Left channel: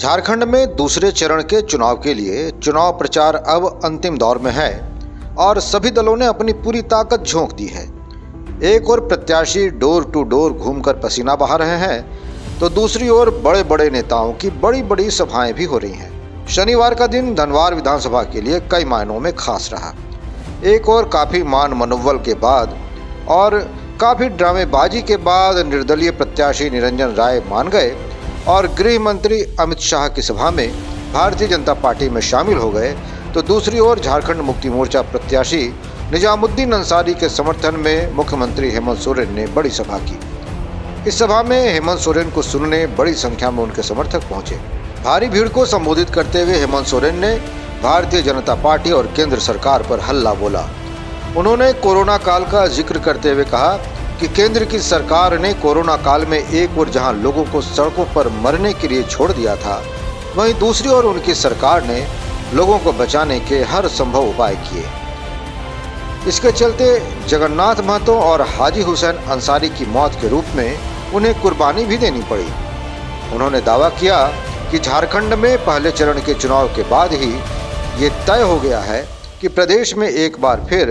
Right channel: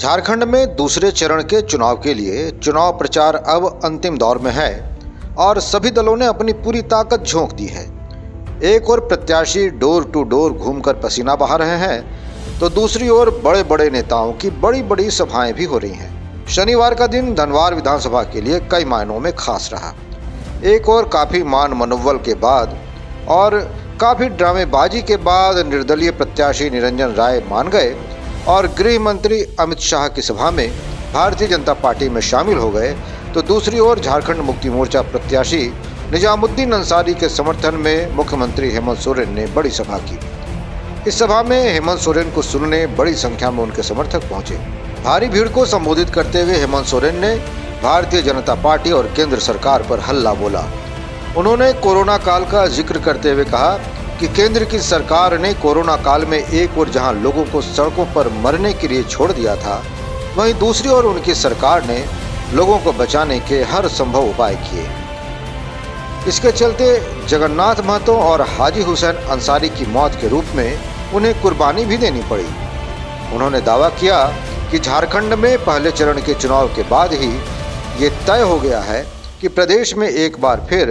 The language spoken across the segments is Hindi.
झारखंड में दूसरे चरण के चुनाव के लिए चुनाव प्रचार अब अंतिम दौर में है और सभी दलों ने अपनी पूरी ताकत झोंक दी है। एक ओर प्रत्याशी डोर टू डोर घूमकर पसीना बहा रहे हैं तो दूसरी ओर बड़े बड़े नेताओं की बड़ी बड़ी सभाएं भी हो रही हैं। शनिवार का दिन धनवार विधानसभा के लिए कई मायनों में खास रहा। एक ओर काफी मान मनोबल के बाद और काफी ड्रामेबाजी के बाद निर्दलीय प्रत्याशी निरंजन राय मान गए और गृह मंत्री अमित शाह की सभा में भारतीय जनता पार्टी में शामिल हो गए, तो दूसरी ओर झारखंड मुक्ति मोर्चा प्रत्याशी निजामुद्दीन अंसारी के समर्थन में मुख्यमंत्री हेमंत सोरेन ने बड़ी सभा की। इस सभा में हेमंत सोरेन को सुनने बड़ी संख्या में उनके समर्थक पहुंचे। भारी भीड़ को संबोधित करते हुए हेमंत सोरेन ने भारतीय जनता पार्टी और केंद्र सरकार पर हल्ला बोला। उन्होंने कोरोना काल का जिक्र करते हुए कहा कि केंद्र की सरकार ने कोरोना काल में एक ओर जहां लोगों को सड़कों पर मरने के लिए छोड़ दिया था, वहीं दूसरी ओर उनकी सरकार ने लोगों को बचाने के हर संभव उपाय किए। इसके चलते जगन्नाथ महतो और हाजी हुसैन अंसारी की मौत के रूप में उन्हें कुर्बानी भी देनी पड़ी। उन्होंने दावा किया कि झारखंड में पहले चरण के चुनाव के बाद ही ये तय हो गया है कि प्रदेश में एक बार फिर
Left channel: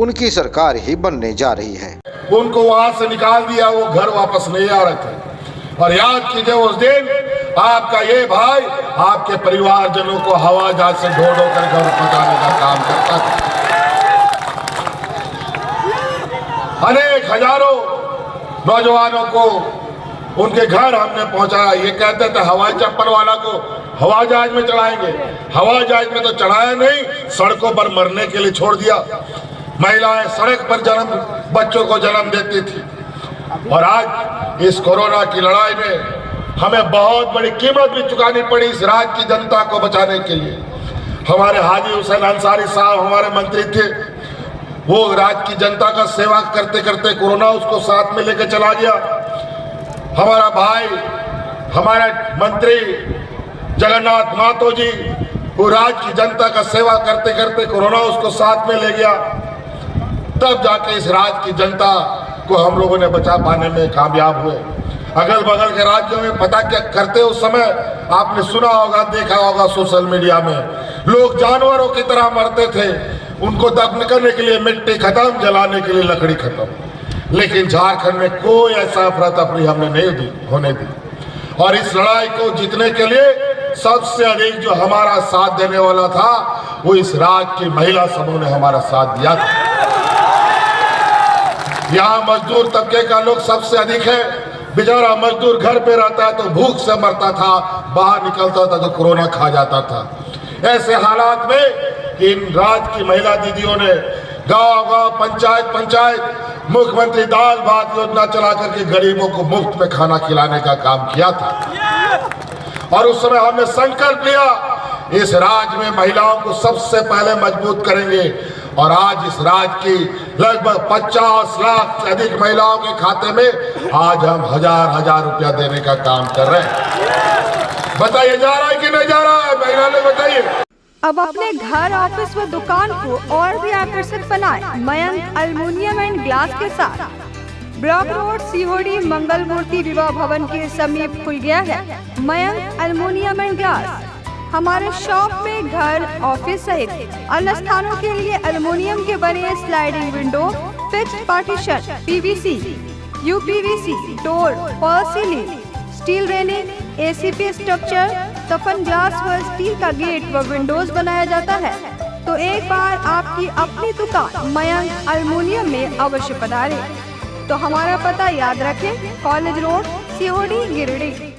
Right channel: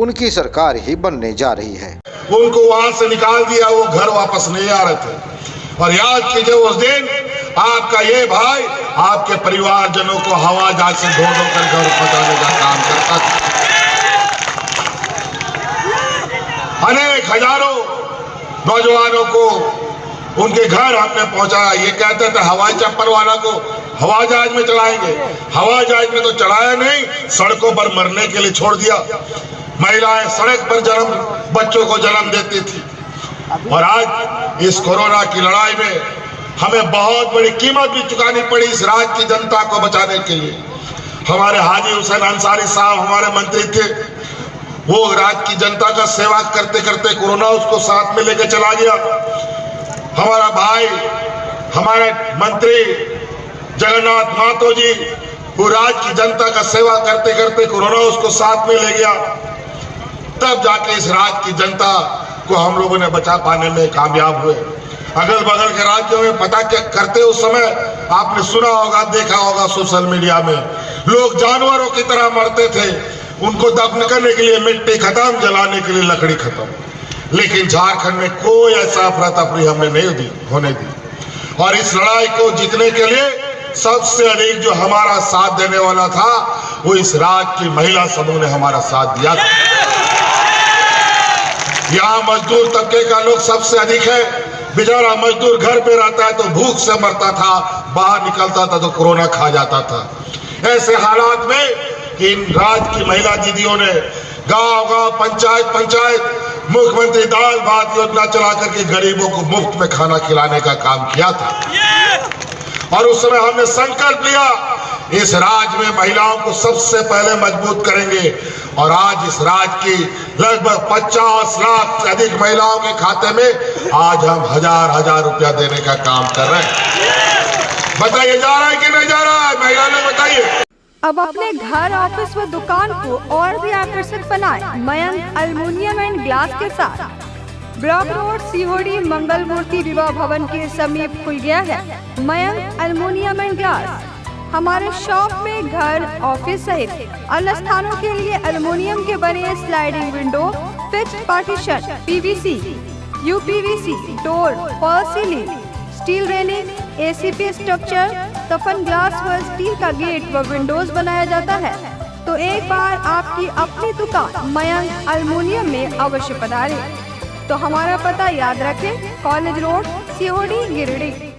उनकी सरकार ही बनने जा रही है। उनको वहां से निकाल दिया, वो घर वापस नहीं आ रहे थे। और याद कीजिए उस दिन आपका ये भाई आपके परिवारजनों को हवाई जहाज से धो कर घर पहुंचाने का काम करता था। अनेक हजारों नौजवानों को उनके घर हमने पहुंचाया। ये कहते थे हवाई चप्पल वाला को हवाई जहाज में चढ़ाएंगे, हवाई जहाज में तो चढ़ाया नहीं, सड़कों पर मरने के लिए छोड़ दिया। महिलाएं सड़क पर बच्चों को जन्म देती थी। और आज इस कोरोना की लड़ाई में हमें बहुत बड़ी कीमत भी चुकानी पड़ी इस राज्य की जनता को बचाने के लिए। हमारे हाजी हुसैन अंसारी साहब हमारे मंत्री थे, वो राज्य की जनता का सेवा करते करते कोरोना उसको साथ में लेकर चला गया। हमारा भाई हमारे मंत्री जगन्नाथ महतो जी, वो राज्य की जनता का सेवा करते करते कोरोना उसको साथ में ले गया। तब जाके इस राज्य की जनता को हम लोगों ने बचा पाने में कामयाब हुए। अगल बगल के राज्यों में पता क्या करते उस समय आपने सुना होगा, देखा होगा सोशल मीडिया में, लोग जानवरों की तरह मरते थे। उनको दफन करने के लिए मिट्टी खत्म, जलाने के लिए लकड़ी खत्म। लेकिन झारखंड में कोई ऐसा अफरा तफरी हमने नहीं होने दी। और इस लड़ाई को जीतने के लिए सबसे अधिक जो हमारा साथ देने वाला था वो इस राज्य की महिला समूह ने हमारा साथ दिया था। यहाँ मजदूर तबके का लोग सबसे अधिक है। बेचारा मजदूर घर पे रहता है तो भूख से मरता था, बाहर निकलता था तो कोरोना खा जाता था। ऐसे हालात में इन राज्य की महिला दीदियों ने गांव-गांव, पंचायत मुख्यमंत्री दाल भात योजना चला करके गरीबों को मुफ्त में खाना खिलाने का काम किया था। और उस समय हमने संकल्प लिया इस राज्य में महिलाओं को सबसे पहले मजबूत करेंगे। और आज इस राज्य की लगभग 50 लाख से अधिक महिलाओं के खाते में आज हम हजार रुपया देने का काम कर रहे हैं। बताइए जा रहा है कि नहीं जा रहा है? महिला ने बताइए। अब अपने घर, ऑफिस व दुकान को और भी आकर्षक बनाएं मयंक एल्युमिनियम एंड ग्लास के साथ। ब्लॉक रोड सीहोड़ी मंगल मूर्ति विवाह भवन के समीप खुल गया है मयंक एल्युमिनियम एंड ग्लास। हमारे शॉप में घर, ऑफिस सहित अन्य स्थानों के लिए एल्युमिनियम के बने sliding window, fixed partition, PVC, UPVC, door, fall ceiling, steel railing, ACP structure, सफन ग्लास व स्टील का गेट व विंडोज बनाया जाता है। तो एक बार आपकी अपनी दुकान मयंक एल्युमिनियम में अवश्य पधारें। तो हमारा पता याद रखें, कॉलेज रोड, सीहोड़ी, गिरिडीह।